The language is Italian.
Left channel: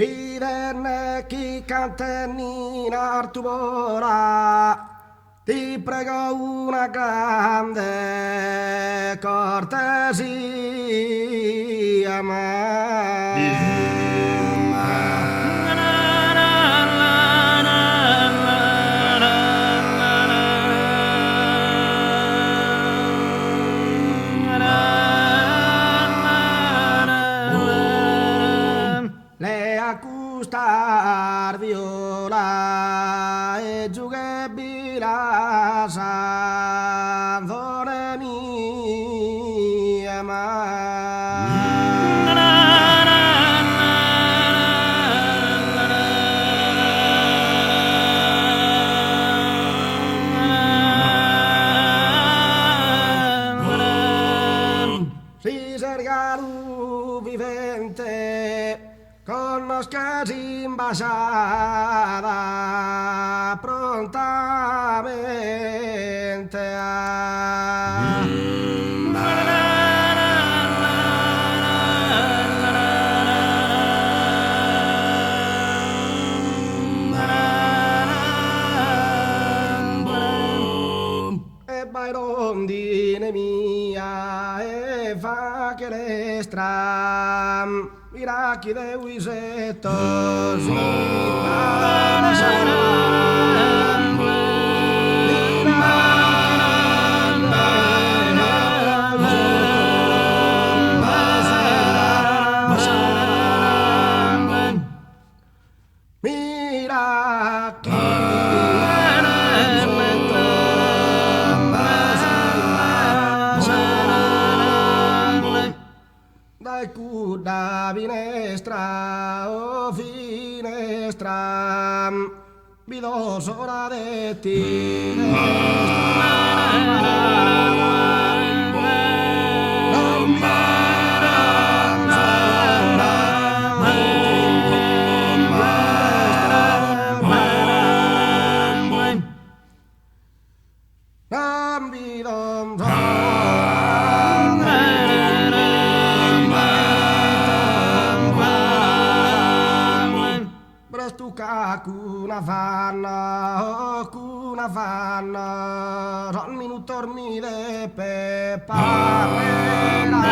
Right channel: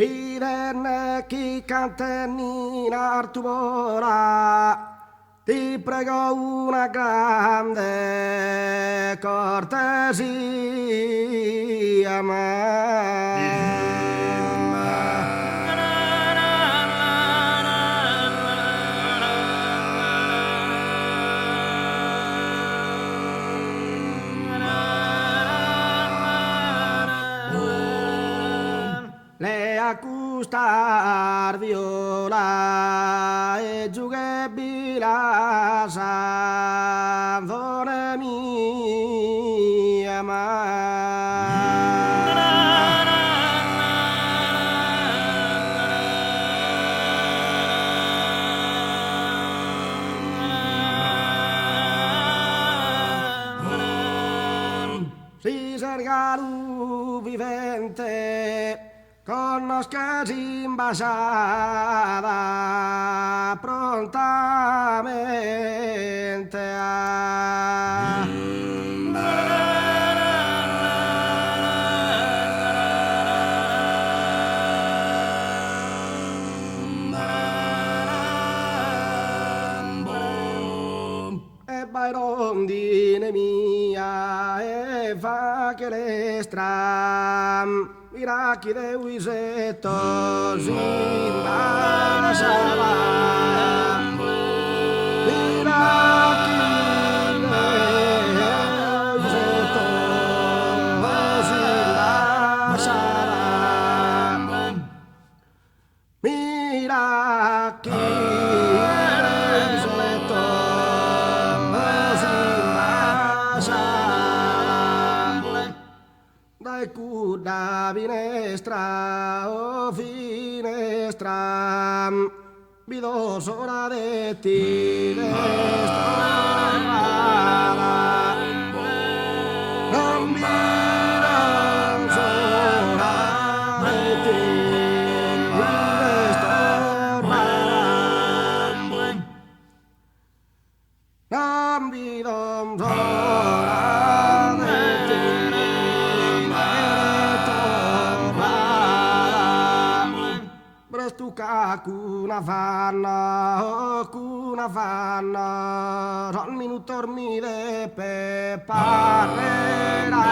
Viverne chi canteni in artubora, ti prego una grande cortesia, le accustar viola e giughebila sanzone mia si sergalu vivente conoscasi imbasada prontamente e vai rondine mia e fa che le stram miracchi de wisetto simba sarà miracchi de wisetto simba sarà miracchi da finestra, oh finestra, vido sola de ti, non mira sola de ti, non vido sola de ti. Stuka kuna fanna, oh kuna fanna, non minuto dormire per parlerà.